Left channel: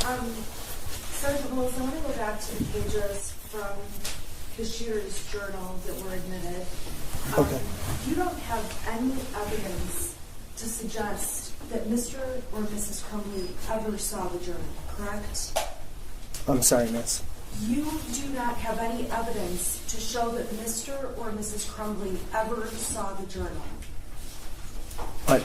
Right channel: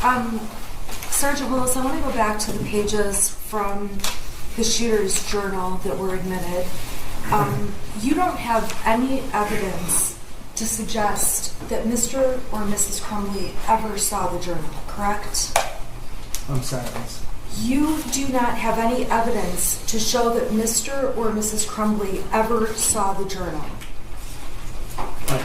Sergeant Willis, I want to go back to the pages from the shooter's journal that were admitted. You don't have any evidence to suggest that Mr. or Mrs. Crumbley ever saw the journal, correct? I'm sorry, miss. You do not have any evidence to show that Mr. or Mrs. Crumbley ever saw the journal. But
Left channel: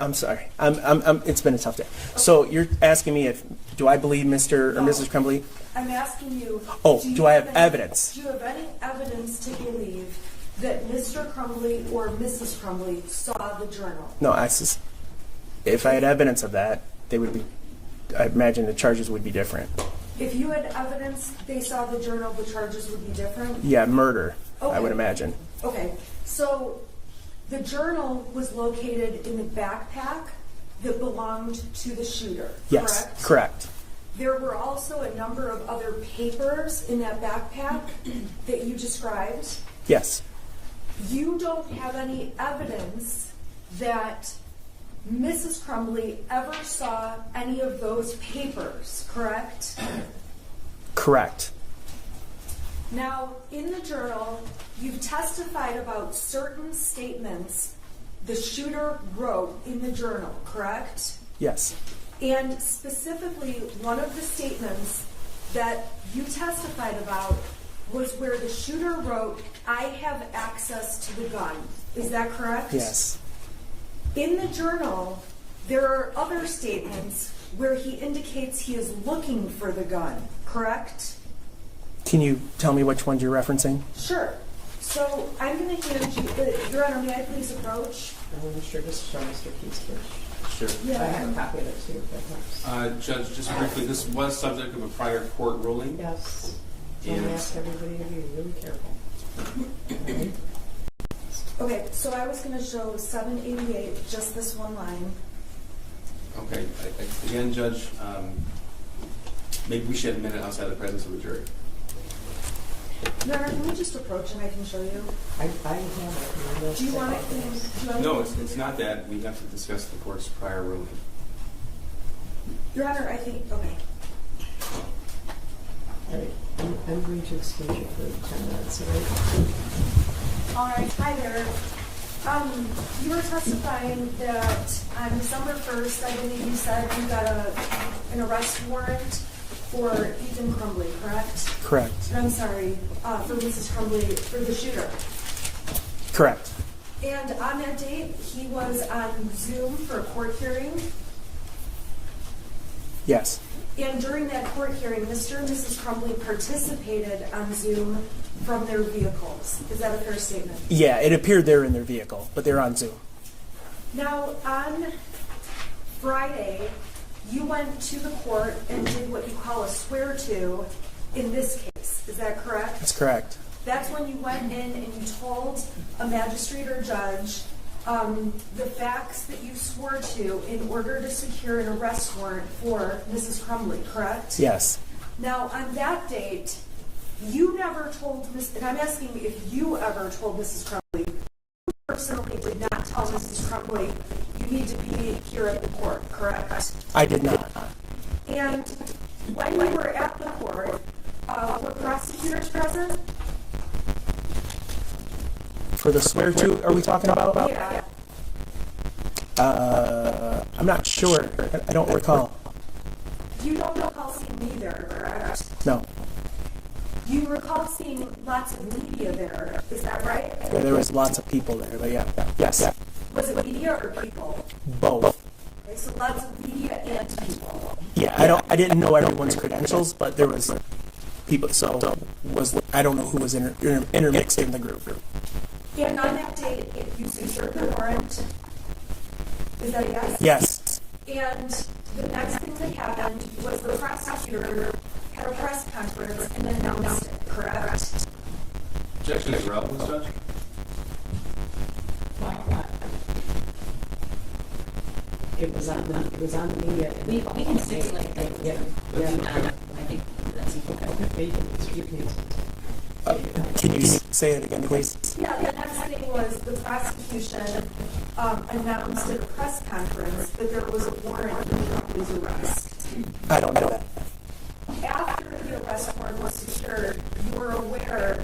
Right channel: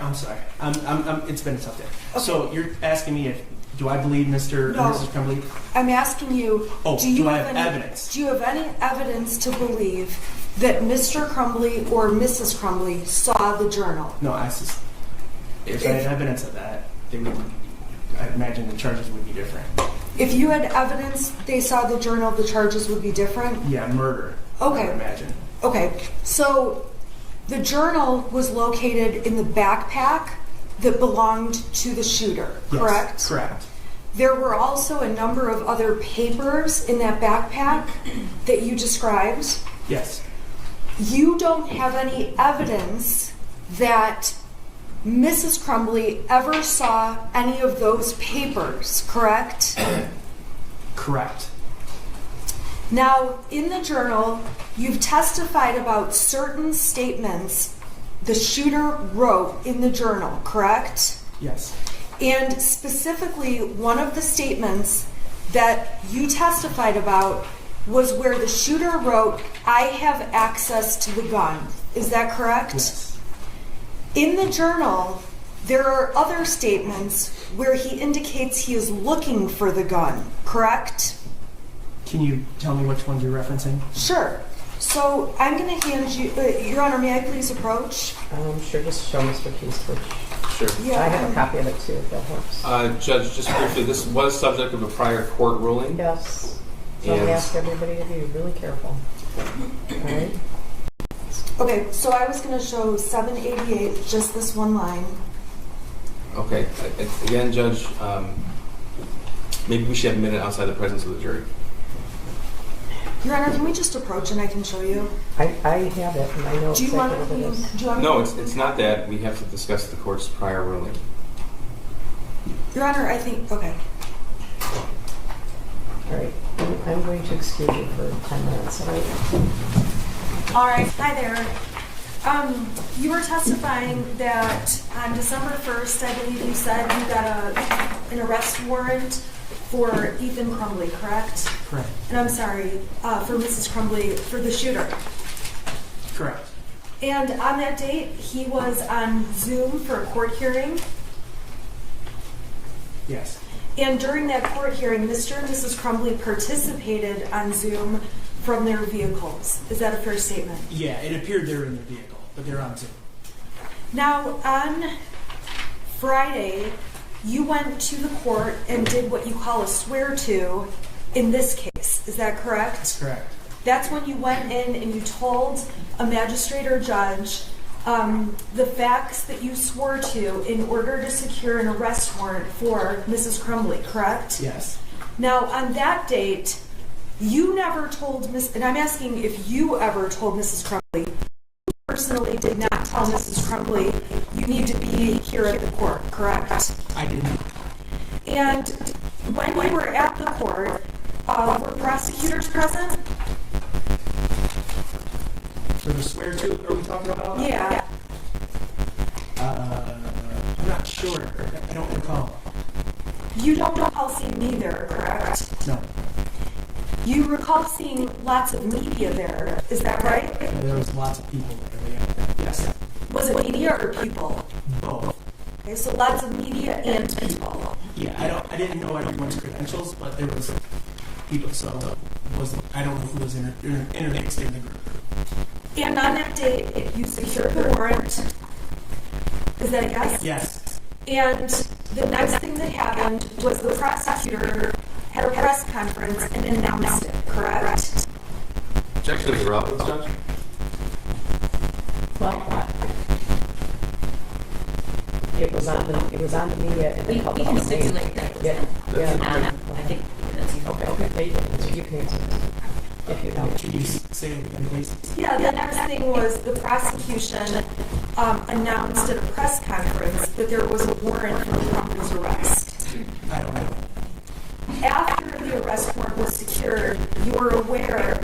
I'm sorry. It's been a tough day. Okay. So you're asking me do I believe Mr. or Mrs. Crumbley? I'm asking you. Do I have evidence? Do you have any evidence to believe that Mr. Crumbley or Mrs. Crumbley saw the journal? No, if I had evidence of that, I imagine the charges would be different. If you had evidence they saw the journal, the charges would be different? Yeah, murder, okay. I would imagine. Okay, so the journal was located in the backpack that belonged to the shooter, correct? Yes, correct. There were also a number of other papers in that backpack that you described? Yes. You don't have any evidence that Mrs. Crumbley ever saw any of those papers, correct? Correct. Now, in the journal, you've testified about certain statements the shooter wrote in the journal, correct? Yes. And specifically, one of the statements that you testified about was where the shooter wrote, "I have access to the gun." Is that correct? Yes. In the journal, there are other statements where he indicates he is looking for the gun, correct? Can you tell me which ones you're referencing? Sure. So I'm going to hand you, Your Honor, may I please approach? Sure, just show Mr. Keys first. Sure. Yeah, I have a copy of it too, if that helps. Judge, just briefly, this was subject of a prior court ruling. Yes. So I ask everybody to be really careful. All right. Okay, so I was going to show 788, just this one line. Okay. Again, Judge, maybe we should have admitted outside the presence of the jury. Your Honor, can we just approach and I can show you? I have it, and I know Do you want exactly what it is. to? No, it's not that. We have to discuss the court's prior ruling. Your Honor, I think, okay. All right. I'm going to excuse you for 10 minutes. All right, hi there. You were testifying that on December 1st, I believe you said you got an arrest warrant for Ethan Crumbley, correct? Correct. And I'm sorry, for Mrs. Crumbley, for the shooter. Correct. And on that date, he was on Zoom for a court hearing. Yes. And during that court hearing, Mr. and Mrs. Crumbley participated on Zoom from their vehicles. Is that a fair statement? Yeah, it appeared they're in their vehicle, but they're on Zoom. Now, on Friday, you went to the court and did what you call a swear-to in this case. Is that correct? That's correct. That's when you went in and you told a magistrate or judge the facts that you swore to in order to secure an arrest warrant for Mrs. Crumbley, correct? Yes. Now, on that date, you never told and I'm asking if you ever told Mrs. Crumbley, you personally did not tell Mrs. Crumbley you need to be here at the court, correct? I did not. And when we were at the court, were prosecutors present? For the swear to, are we talking about? Yeah. I'm not sure. I don't recall. You don't recall seeing me there, correct? No. You recall seeing lots of media there, is that right? Yeah, there was lots of people there, but yeah. Yes. Was it media or people? Both. Okay, so lots of media and people. Yeah, I didn't know everyone's credentials, but there was people, so I don't know who was intermixed in the group. And on that date, you secured the warrant. Is that a yes? Yes. And the next thing that happened was the prosecutor had a press conference and announced it, correct? Objection is irrelevant, Judge. What? It was on the media. And we can stipulate that. Yeah. I think that's Okay. You can answer. Can you say it again, please? Yeah, the next thing was the prosecution announced at a press conference that there was a warrant for Crumbley's arrest. I don't know that. After the arrest warrant was secured, you were aware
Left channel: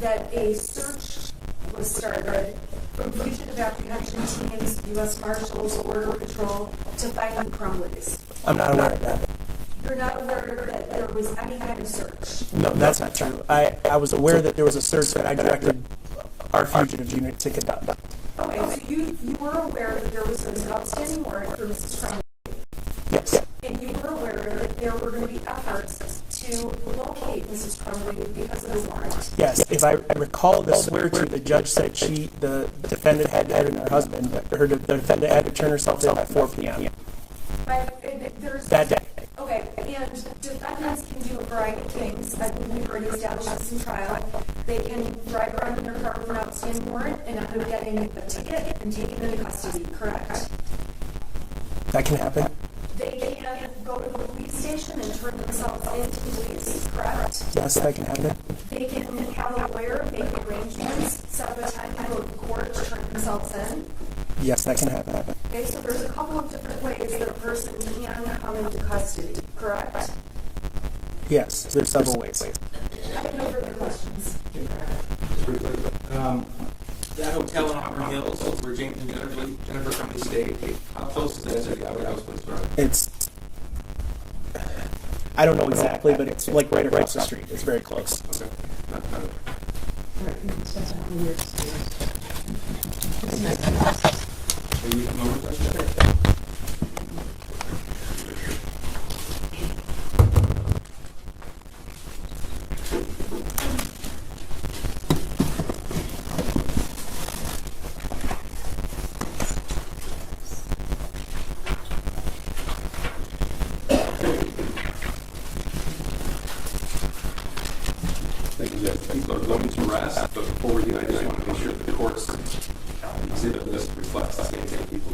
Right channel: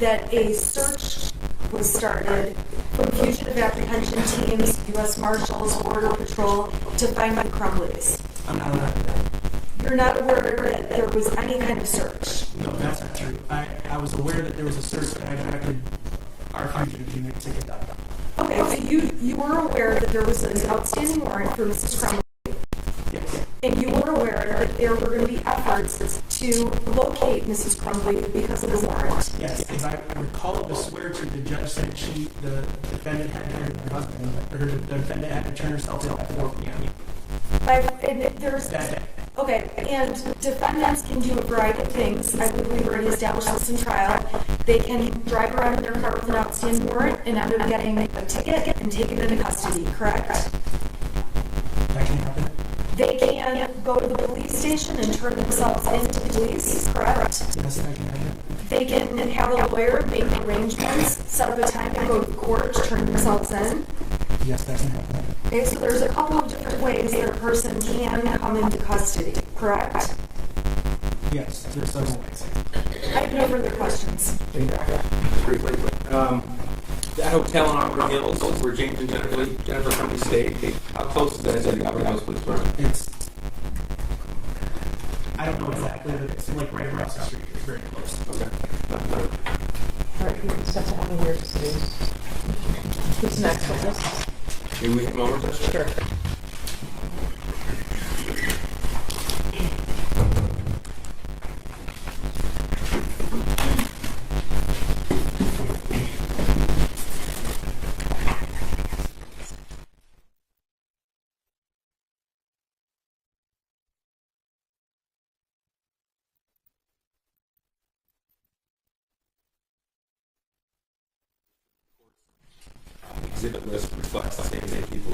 that a search was started from fugitive apprehension teams, U.S. Marshals, Border Patrol to find the Crumbleys. I'm not aware of that. You're not aware that there was any kind of search. No, that's not true. I was aware that there was a search that I directed our fugitive unit to conduct. Okay, so you were aware that there was an outstanding warrant for Mrs. Crumbley. Yes. And you were aware that there were going to be efforts to locate Mrs. Crumbley because of the warrant. Yes. If I recall the swear to, the judge said the defendant had to have her husband, the defendant had to turn herself in at 4 p.m. That day. Okay, and defendants can do a variety of things. I believe we've already established this in trial. They can drive around in their car with an outstanding warrant and end up getting a ticket and taken into custody, correct? That can happen. They can go to the police station and turn themselves into the police, correct? Yes, that can happen. They can have a lawyer make arrangements, set up a time to go to court to turn themselves in. Yes, that can happen. Okay, so there's a couple of different ways that a person can come into custody, correct? Yes, there's several ways. I have no further questions. Briefly, that hotel in Auburn Hills where James and Jennifer Crumbley stayed, how close is that to the Auburn Hills Police Department? It's, I don't know exactly, but it's like right across the street. It's very close. Okay. All right, you can set that on your screen. Who's next? Maybe we have a moment? Sure. Thank you, Judge. People are going to rest, but before we do, I just want to make sure that the courts see that this reflects the state of people.